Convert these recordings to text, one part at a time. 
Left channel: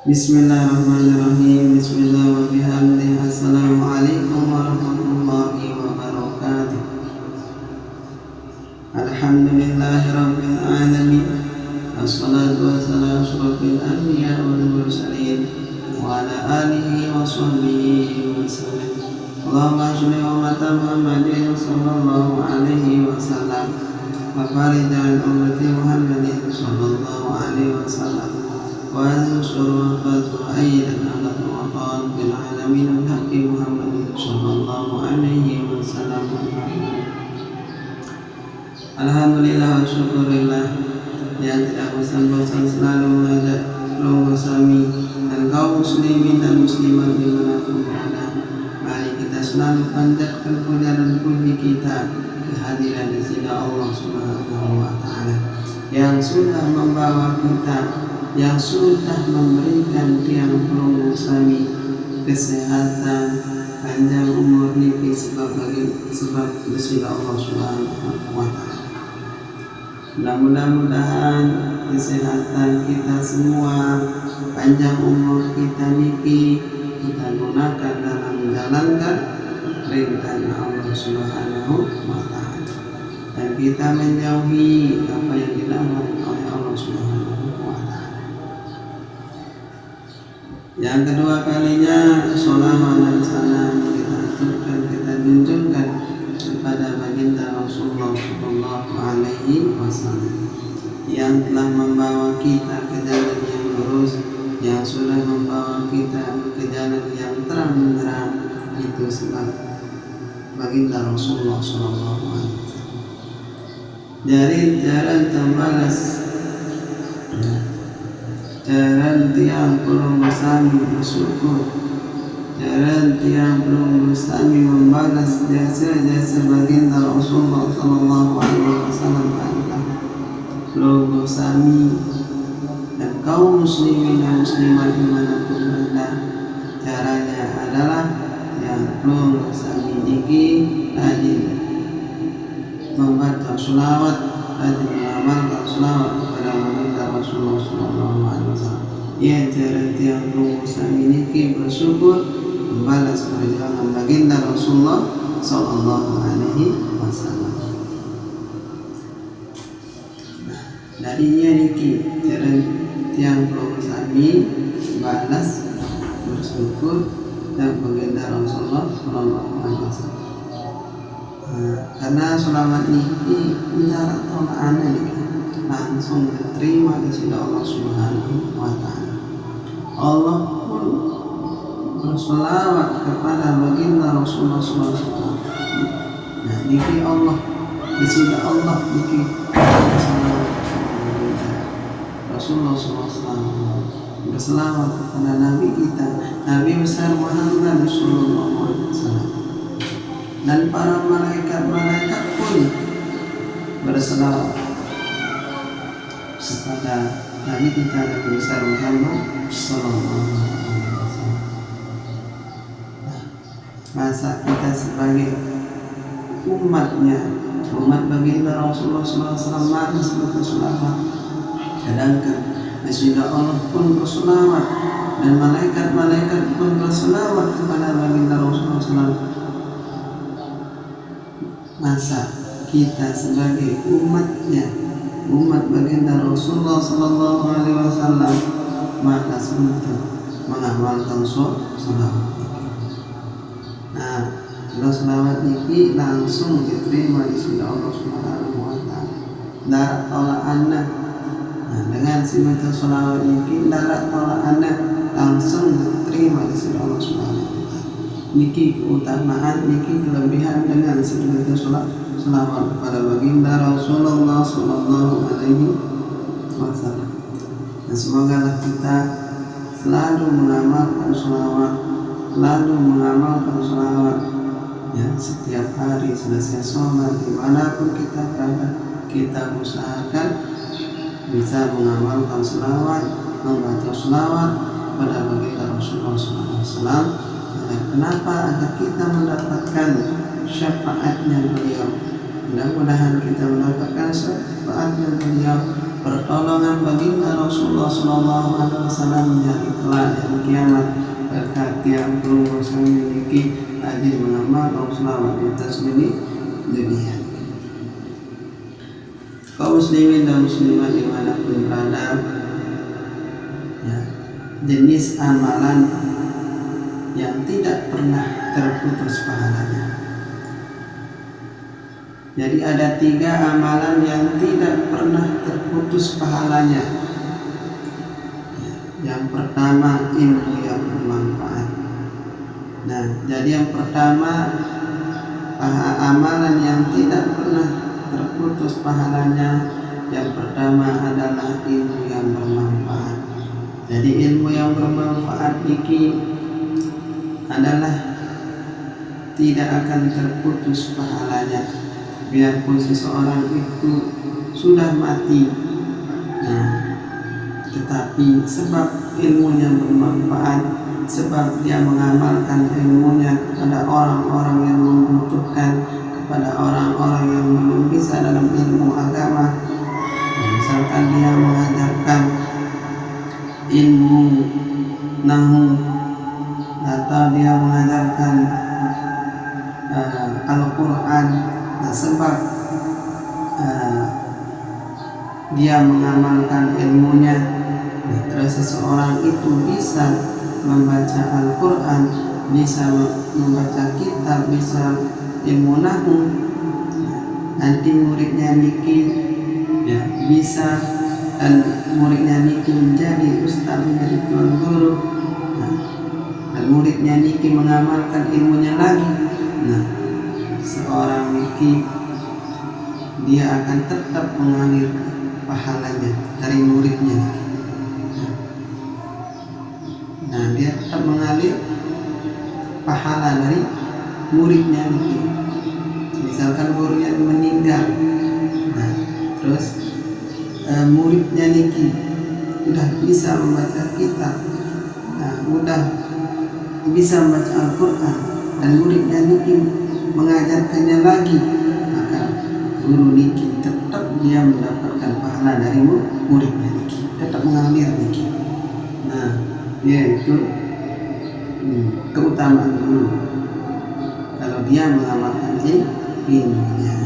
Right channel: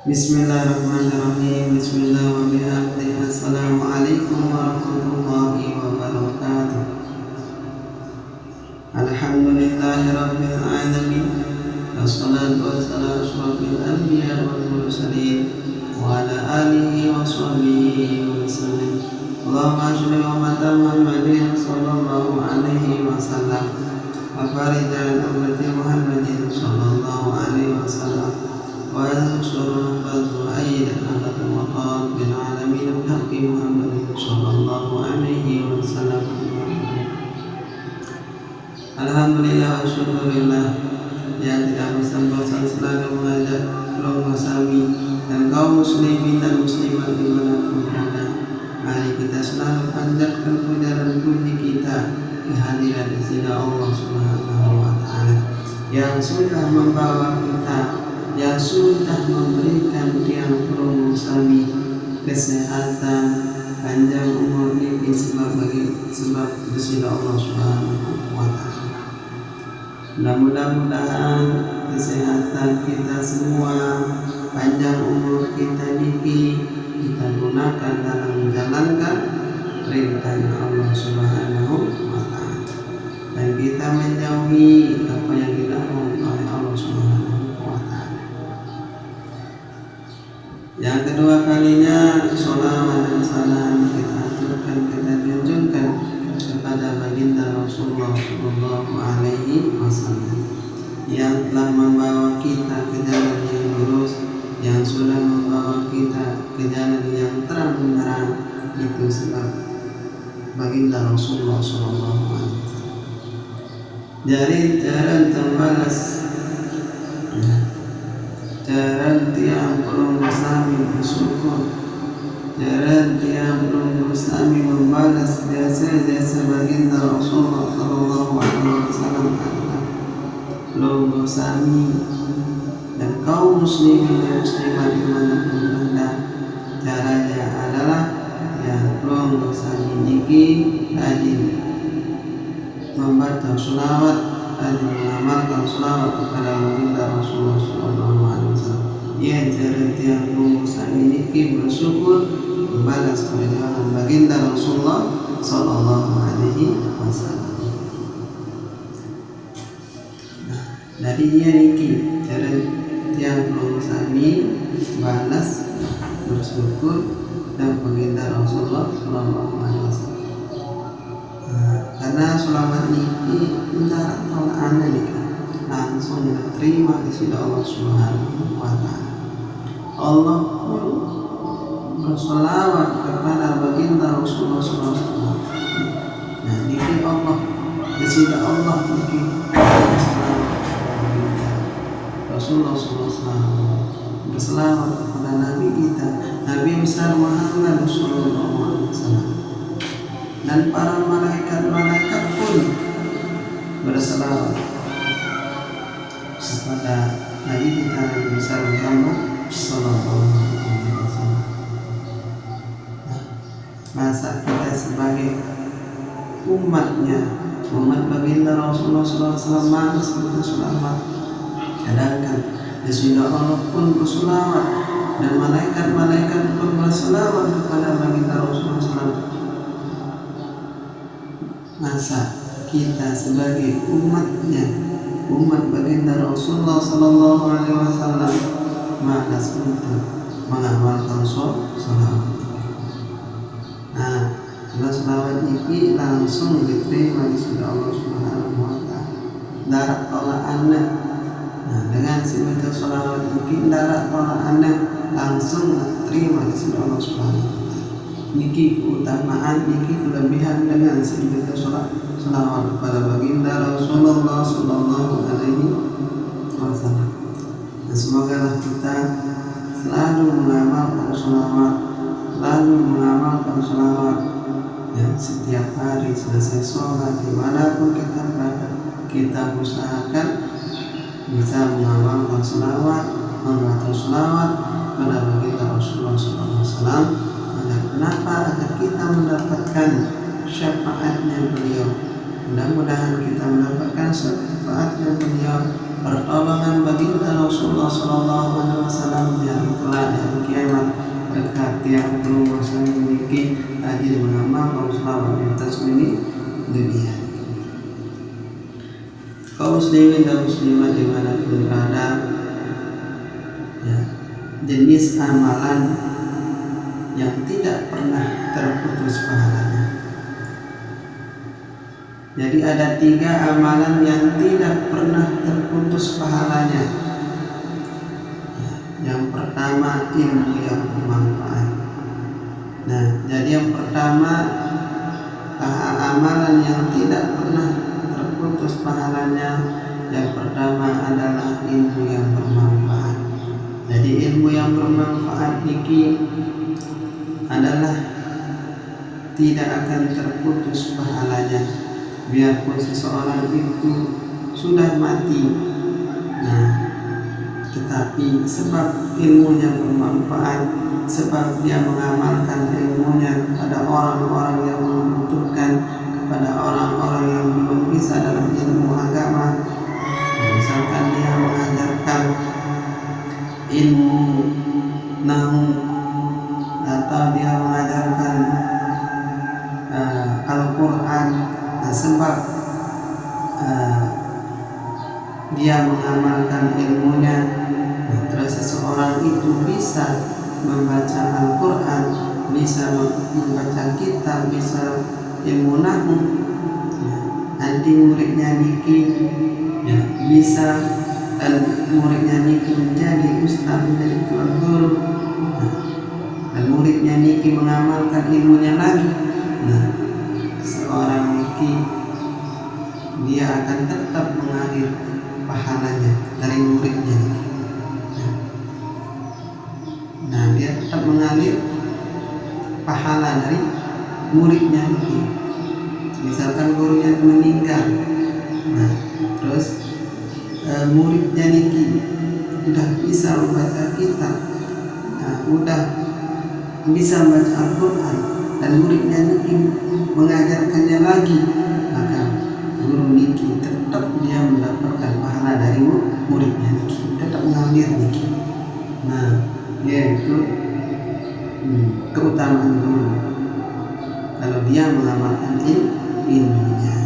Bismillahirrahmanirrahim. Bismillah wa bihamdihi. Assalamualaikum warahmatullahi wabarakatuh. Alhamdulillahi rabbil alamin. Assalatu wassalamu asyrafil anbiya wal mursalin wa ala alihi wa sahbihi wa sallam. Allahumma shalli wa Muhammadin sallallahu alaihi wasallam wa farijan ummati Muhammadin sallallahu alaihi wasallam wa ansur fadlu aydan ala waqad bil alamin bihaqqi Muhammadin sallallahu alaihi wasallam. Alhamdulillah wa syukurillah yang tidak bosan-bosan selalu mengajak keluarga kami dan kaum muslimin dan muslimat dimanapun berada. Mari kita selalu panjatkan puja dan puji kita kehadiran di sini Allah Subhanahu wa taala yang sudah membawa kita, yang sudah memberikan tiang perunggu kami kesehatan, panjang umur niki sebab di sini Allah Subhanahu wa taala. Mudah-mudahan kesehatan kita semua, panjang umur kita niki kita gunakan dalam menjalankan perintahnya Allah Subhanahu wa taala dan kita menjauhi apa yang dilarang oleh Allah Subhanahu wa taala. Yang kedua kalinya sholawat dan salam kita aturkan, kita junjungkan kepada baginda Rasulullah Sallallahu Alaihi Wasallam yang telah membawa kita ke jalan yang lurus, yang sudah membawa kita ke jalan yang terang benderang. Itu sebab baginda Rasulullah Sallallahu Alaihi Wasallam. Jaran tembalas, jaran tiang pelunggu sami bersyukur, jaran tiang pelunggu sami membalas jasa-jasa baginda Rasulullah Sallallahu Alaihi Wasallam adalah pelunggu sami dan kaum muslimin dan muslimat dimanapun berada. Caranya adalah yang pelunggu sami niki rajin membaca sholawat, rajin mengamalkan sholawat kepada baginda Rasulullah Sallallahu Alaihi Wasallam. Ia jaran tiang pelunggu sami niki bersyukur membalas perjuangan baginda Rasulullah Sallallahu Alaihi Wasallam. Dari dia niki jaran tiang pelunggu sami balas bersyukur dan baginda Rasulullah Sallallahu Alaihi Wasallam. Karena sholawat niki mendarat tolak ana nika langsung diterima di sisi Allah Subhanahu wa taala. Allah pun bersolawat kepada baginda Rasulullah Sallallahu Alaihi Wasallam. Nah, niki Allah di sisi Allah niki bersolawat kepada baginda Rasulullah Sallallahu Alaihi Wasallam, berselawat kepada Nabi kita, Nabi besar Muhammad Sallallahu Alaihi Wasallam, dan para malaikat-malaikat pun berselawat kepada Nabi kita, Nabi besar Muhammad Sallallahu Alaihi Wasallam. Nah, masa kita sebagai umatnya, umat baginda Rasulullah Sallallahu Alaihi Wasallam malas berselawat, sedangkan Rasulullah Allah pun berselawat dan malaikat-malaikat pun berselawat kepada baginda Rasulullah SAW. Masa kita sebagai umatnya, umat baginda Rasulullah Sallallahu Alaihi Wasallam malas untuk mengamalkan sholawat. Nah, kalau sholawat ini langsung diterima di sisi Allah Subhanahu Wa Taala. Darat tolak anda. Nah, dengan si baca sholawat ini darat tolak anda langsung diterima di sisi Allah Subhanahu Wa Taala. Niki keutamaan, niki kelebihan dengan si baca sholawat kepada baginda Rasulullah Sallallahu Alaihi Wasallam. Dan semoga kita selalu mengamalkan sholawat, selalu mengamalkan sholawat. Ya, setiap hari selesai sholat dimanapun kita berada, kita usahakan bisa mengamalkan sholawat, membaca sholawat pada baginda Rasulullah SAW. Kenapa? Agar kita mendapatkan syafaatnya beliau. Mudah-mudahan kita mendapatkan syafaatnya beliau pertolongan baginda Rasulullah Sallallahu Alaihi Wasallam di hari kelak, di hari kiamat, berkat tiang perlu memiliki ajir mengamal kaum selawat di atas bumi dunia. Kaum muslimin dan muslimat dimanapun berada, ya, jenis amalan yang tidak pernah terputus pahalanya. Jadi ada 3 amalan yang tidak pernah terputus pahalanya. Yang pertama, ilmu yang bermanfaat. Nah, jadi yang pertama, amalan yang tidak pernah terputus pahalanya, yang pertama adalah ilmu yang bermanfaat. Jadi ilmu yang bermanfaat niki adalah tidak akan terputus pahalanya, biarpun seseorang itu sudah mati. Nah, tetapi sebab ilmunya bermanfaat, sebab dia mengamalkan ilmunya kepada orang-orang yang membutuhkan, kepada orang-orang yang belum bisa dalam ilmu agama. Misalkan dia mengajarkan ilmu nahu, atau dia mengajarkan Al-Quran. Nah, sebab dia mengamalkan ilmunya, terus seseorang itu bisa membaca Al-Quran, bisa membaca kitab, bisa ilmu nahu, nanti muridnya niki ya bisa, dan muridnya niki menjadi ustaz, menjadi tuan guru, dan muridnya niki mengamalkan ilmunya lagi. Nah, seorang niki dia akan tetap mengalir pahalanya dari muridnya niki. Nah, dia tetap mengalir pahala dari muridnya niki. Misalkan gurunya meninggal, nah terus muridnya niki udah bisa membaca kitab, nah udah bisa membaca Al-Quran, dan muridnya niki mengajarkannya lagi, maka guru niki tetap dia mendapatkan pahala dari muridnya niki, tetap mengalir niki. Nah, yaitu keutamaan guru kalau dia mengamalkan ilmunya.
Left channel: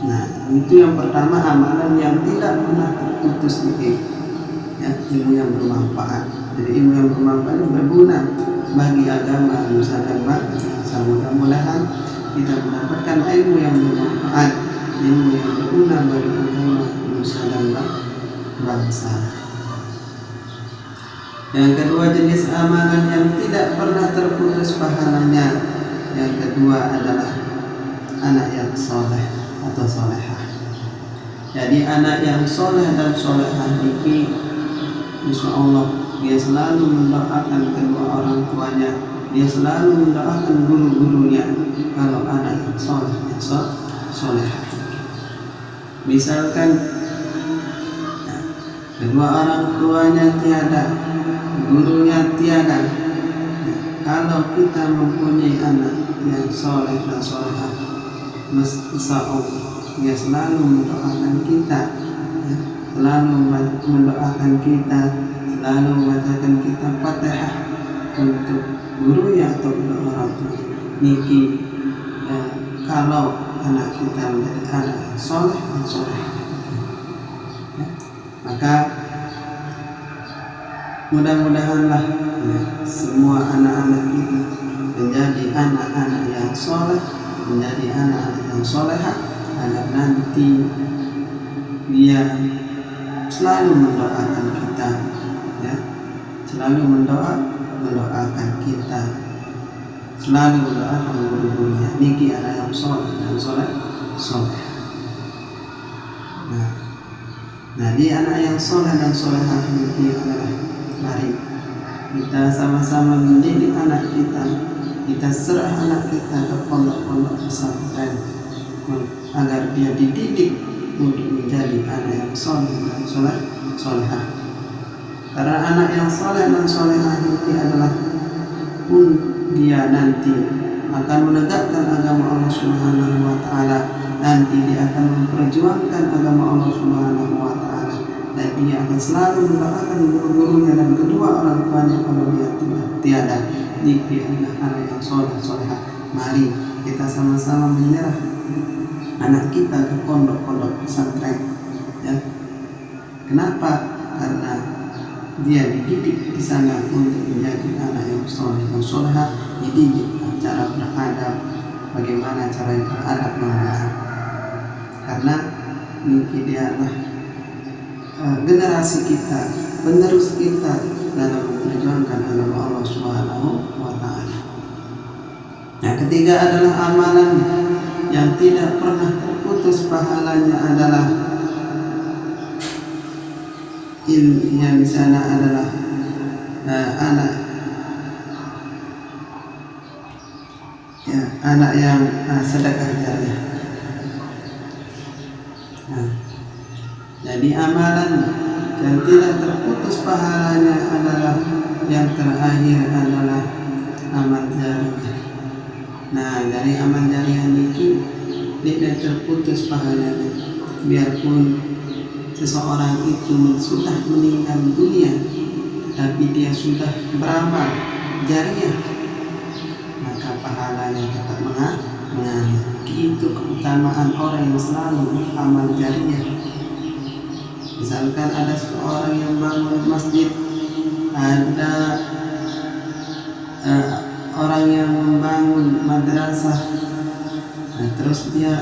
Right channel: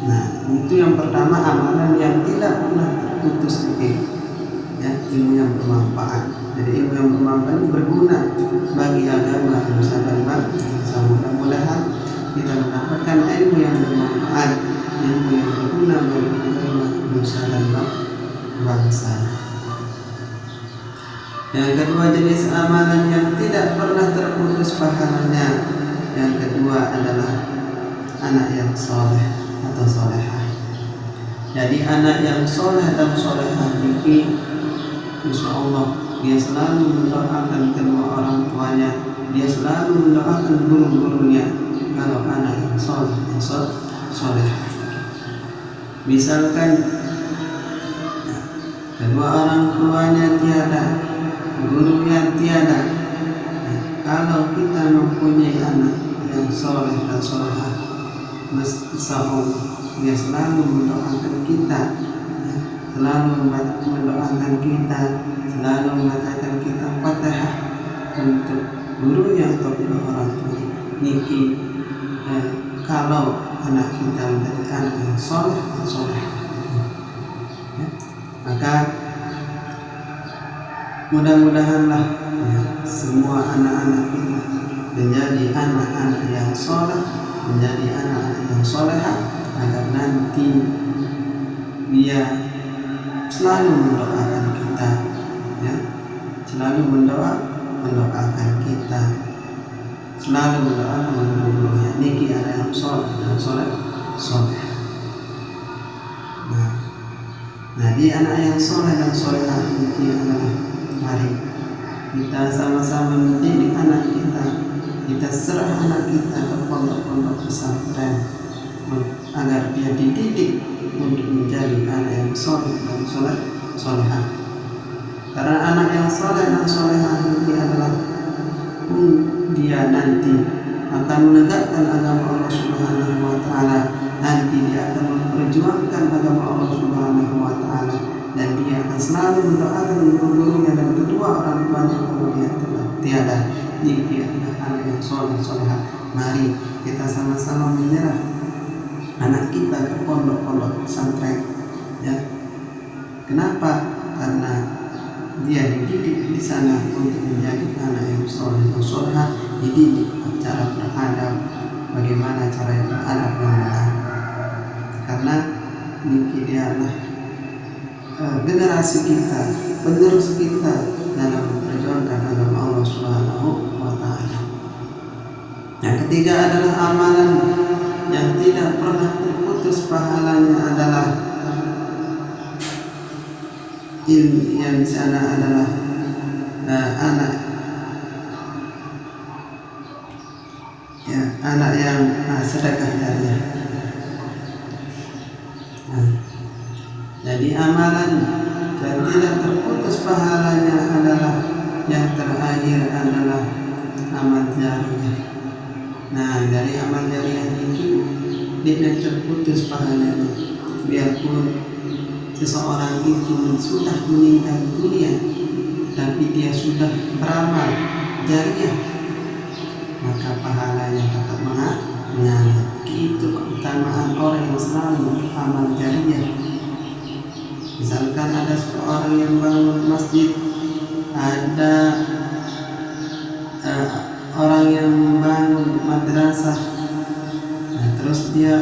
Nah, itu yang pertama, amalan yang tidak pernah terputus niki, ya, ilmu yang bermanfaat. Jadi ilmu yang bermanfaat berguna bagi agama nusa dan bangsa. Mudah-mudahan kita mendapatkan ilmu yang bermanfaat, ilmu yang berguna bagi agama nusa dan bangsa. Yang kedua, jenis amalan yang tidak pernah terputus pahalanya, yang kedua adalah anak yang soleh atau solehah. Jadi anak yang soleh dan solehah ini, insya Allah dia selalu mendoakan kedua orang tuanya, dia selalu mendoakan guru-gurunya. Kalau anak yang soleh dan solehah, misalkan kedua orang tuanya tiada, gurunya tiada, kalau kita mempunyai anak yang soleh dan solehah, insya Allah dia selalu mendoakan kita, selalu mendoakan kita, selalu membacakan kita Fatihah untuk gurunya atau kedua orang tua niki. Kalau anak kita menjadi anak yang soleh dan solehah, maka mudah-mudahanlah semua anak-anak kita menjadi anak-anak yang soleh, menjadi anak-anak yang solehah, agar nanti dia selalu mendoakan kita, ya, selalu mendoakan kita, selalu mendoakan guru-gurunya niki anak yang soleh dan soleh. Nah, di anak yang soleh dan solehah niki adalah, mari kita sama-sama mendidik anak kita. Kita serah anak kita ke pondok-pondok pesantren agar dia dididik untuk menjadi anak yang soleh dan solehah. Karena anak yang soleh dan solehah ini adalah dia nanti akan menegakkan agama Allah Subhanahu wa Ta'ala. Nanti dia akan memperjuangkan agama Allah Subhanahu wa Ta'ala. dan dia akan selalu mendoakan guru-gurunya dan kedua orang tuanya kalau dia tiada. Dia adalah anak yang soleh soleha. Mari kita sama-sama menyerah anak kita ke pondok-pondok pesantren, ya. Kenapa? Karena dia dididik di sana untuk menjadi anak yang soleh, yang soleha, dididik cara beradab, bagaimana cara beradab yang benar. Karena niki dia adalah generasi kita, penerus kita dalam memperjuangkan agama Allah Subhanahu wa Ta'ala. Yang ketiga adalah amalan yang tidak pernah terputus pahalanya adalah yang di sana adalah anak yang sedekah jariah. Jadi amalan yang tidak terputus pahalanya adalah yang terakhir adalah amal jariah. Dari amal jariah ini tidak terputus pahalanya, biarpun seseorang itu sudah meninggal dunia tapi dia sudah beramal jariah, maka pahalanya tetap mengalir. Itu keutamaan orang yang selalu amal jariah. Misalkan ada seorang yang bangun masjid, ada orang yang membangun madrasah, terus dia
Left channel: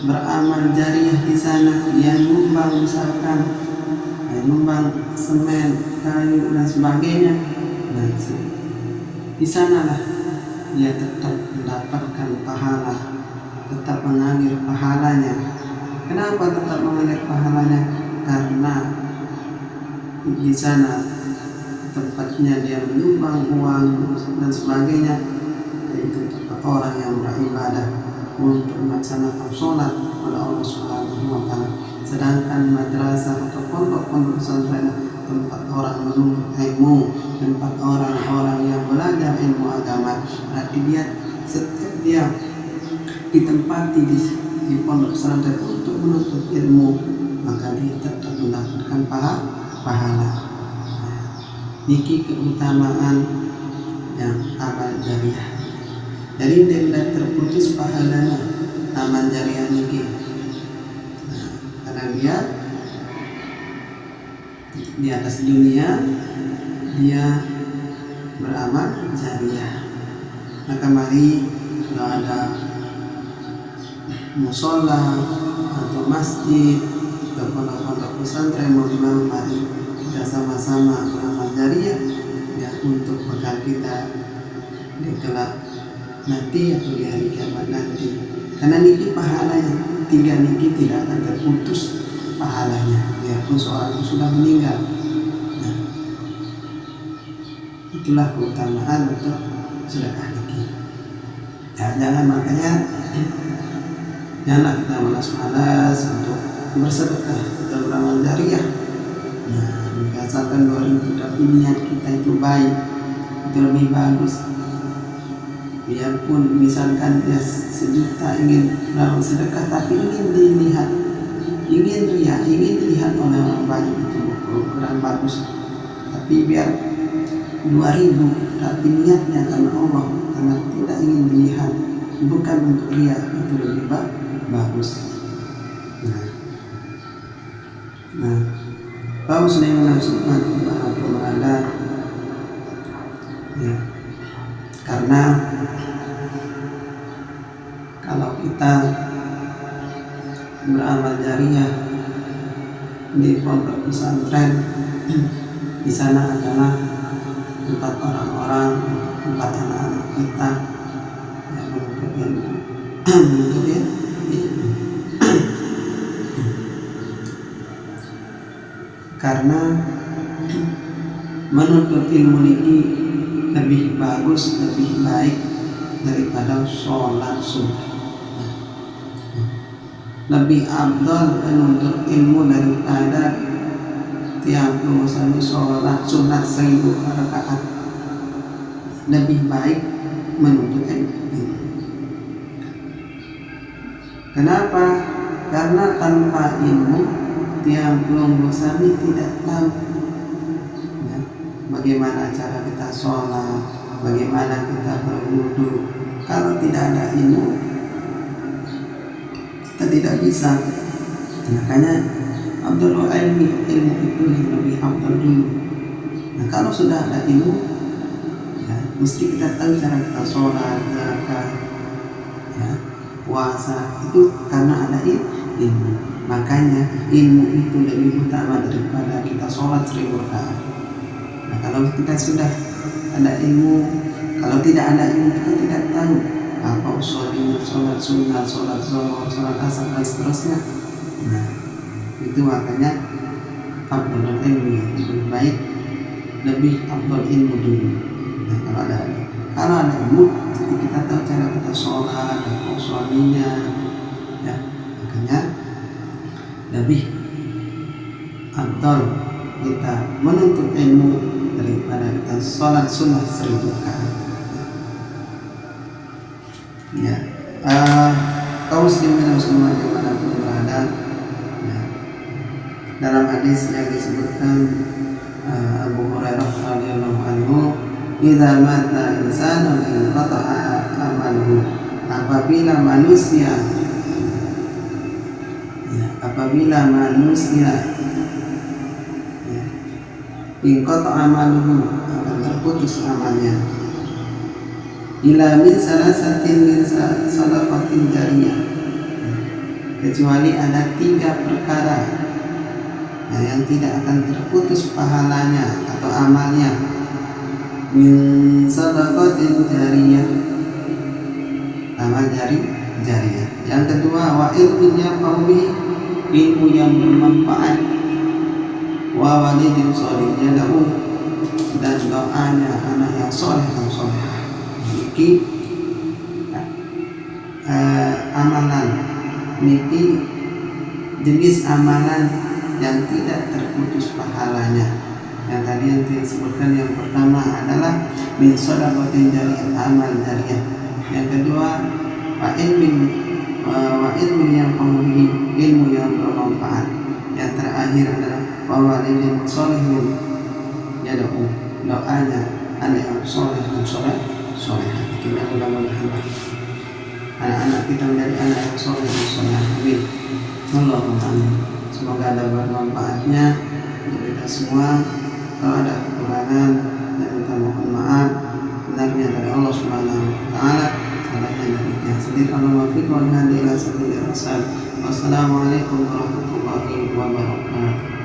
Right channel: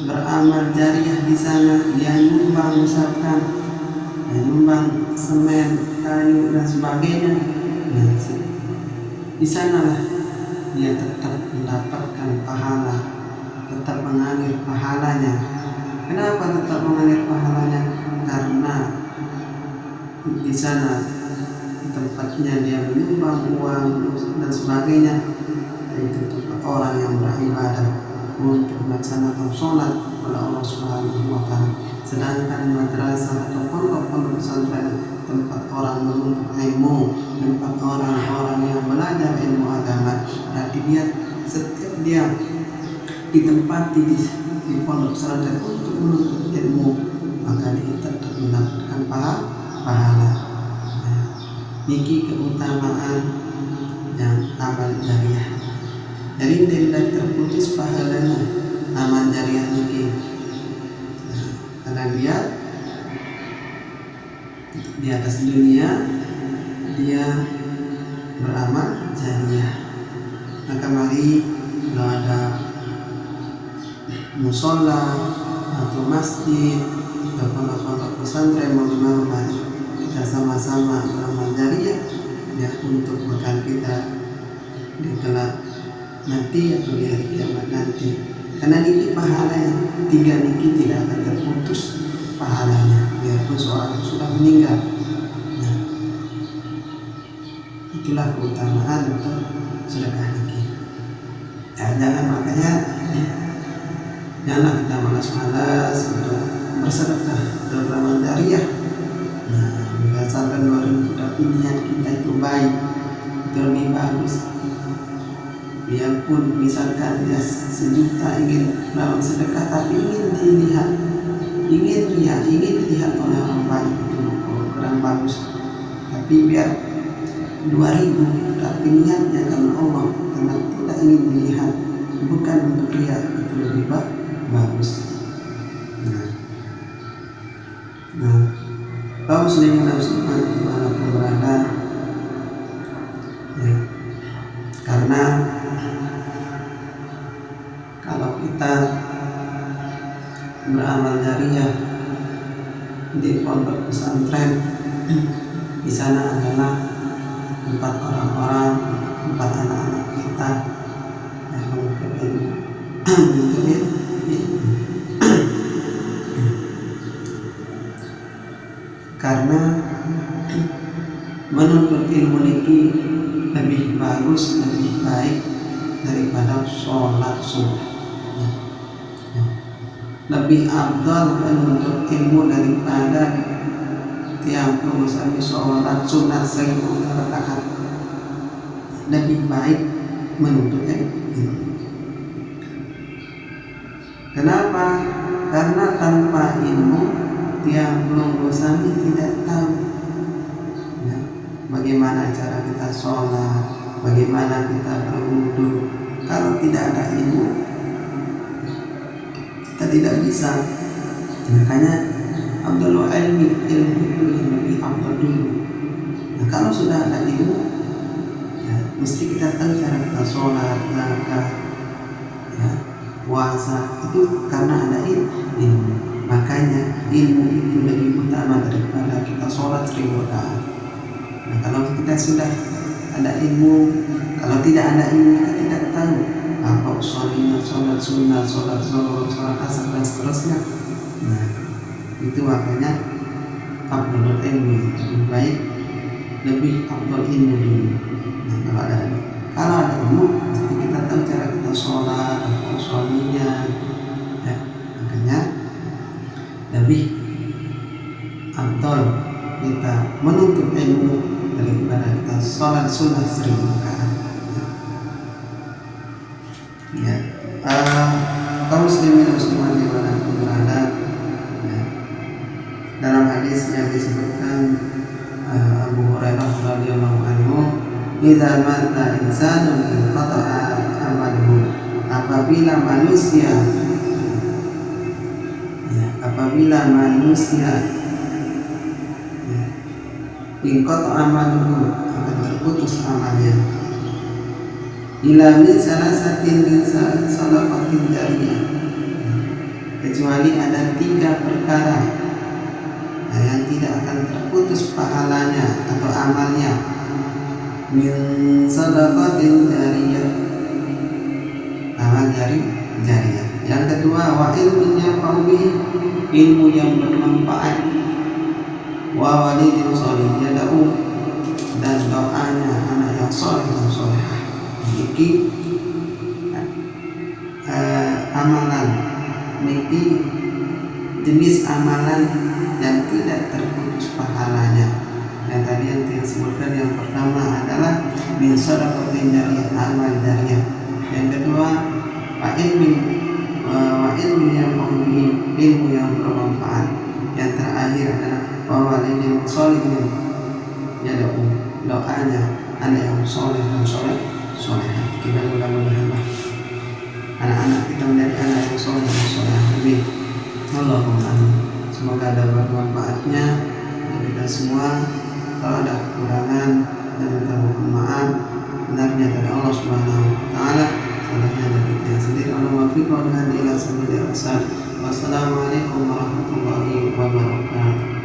beramal jariah di sana, dia nyumbang misalkan, nyumbang semen, kayu dan sebagainya. Di sanalah dia tetap mendapatkan pahala, tetap mengalir pahalanya. Kenapa tetap mengalir pahalanya? Karena di sana tempatnya dia menyumbang uang dan sebagainya, yaitu tempat orang yang beribadah untuk melaksanakan sholat kepada Allah Subhanahu wa Ta'ala. Sedangkan madrasah atau pondok-pondok pesantren tempat orang menuntut ilmu, tempat orang-orang yang belajar ilmu agama. Berarti dia setiap dia ditempati di pondok pesantren untuk menuntut ilmu, maka dia tetap mendapatkan pahala. Niki keutamaan yang amal jariah. Jadi tidak terputus pahalanya amal jariah niki. Karena dia di atas dunia dia beramal jariah. Maka mari kalau ada musola atau masjid atau pondok-pondok pesantren mau dimana, mari kita sama-sama beramal jariah, ya, untuk bekal kita di kelak nanti atau di hari kiamat nanti. Karena niki pahala yang tiga niki tidak akan terputus pahalanya biarpun seorang itu sudah meninggal. Itulah keutamaan untuk sedekah niki. Jangan kita malas-malas untuk bersedekah atau beramal jariah. Berdasarkan 2000 tapi niat kita itu baik, itu lebih bagus. Biarpun misalkan dia 1 juta ingin beramal sedekah tapi ingin dilihat, ingin riya, ingin dilihat oleh orang banyak, itu kurang bagus. Tapi biar 2000 tapi niatnya karena Allah, karena tidak ingin dilihat, bukan untuk riya, itu lebih bagus. Kaum muslimin muslimat dimanapun berada, ya, karena kalau kita beramal jariah di pondok pesantren, di sana adalah tempat orang-orang, tempat anak-anak kita yang menuntut ilmu, karena menuntut ilmu niki lebih bagus, lebih baik daripada sholat sunnah. Lebih afdal menuntut ilmu daripada tiap sami sholat sunat 1000 rakaat. Lebih baik menuntut ilmu. Kenapa? Karena tanpa ilmu tiang pelunggu sami tidak tahu ya, bagaimana cara kita sholat, bagaimana kita berwudu. Kalau tidak ada ilmu, kita tidak bisa. Makanya afdalul ilmu itu yang lebih afdal dulu. Nah, kalau sudah ada ilmu, ya, mesti kita tahu cara kita sholat, zakat, ya, puasa, itu karena ada ilmu. Makanya ilmu itu lebih utama daripada kita sholat 1000 rakaat. Nah, kalau kita sudah ada ilmu, kalau tidak ada ilmu kita tidak tahu apa usulnya sholat sunnah, sholat zuhur, sholat asar dan seterusnya. Nah, itu makanya afdalul ilmi, lebih baik, lebih afdal ilmu dulu. Nah, kalau ada ilmu, mesti kita tahu cara kita sholat, apa usulnya, ya. Makanya lebih afdal kita menuntut ilmu daripada kita sholat sunnah 1000 rakaat. Ya, kaum muslimin dan muslimat dimanapun berada, ya, dalam hadis yang disebutkan Abu Hurairah radhiyallahu anhu, idza mata insanun inqata'a amaluhu, apabila manusia inqata'a amaluhu, akan terputus amalnya, ila min salasatin min sadaqatin jariyah, kecuali ada 3 perkara yang tidak akan terputus pahalanya atau amalnya, min sadaqatin jariyah, amal jariyah. Yang kedua, wa ilmin yanfa'u bihi, ilmu yang bermanfaat, wa walidin sholih yad'u, dan doanya anak yang soleh dan solehah. Niki amalan, niki jenis amalan yang tidak terputus pahalanya. Yang tadi yang disebutkan, yang pertama adalah min shadaqatin jariyah, amal jariyah. Yang kedua, wa ilmin yang bihi, ilmu yang bermanfaat. Yang terakhir adalah wa walidin sholihin yad'u, doanya anak yang soleh dan solehah. Kita mudah-mudahanlah anak-anak kita menjadi anak yang soleh dan solehah. Amin. Allahumma amin. Semoga ada bermanfaatnya untuk kita semua. Kalau ada kekurangan, dan minta mohon maaf. Benarnya dari Allah Subhanahu wa taala, salahnya dari kita sendiri. Allahumma fiq wa hadi ila sabilir rasyad. Wassalamualaikum warahmatullahi wabarakatuh.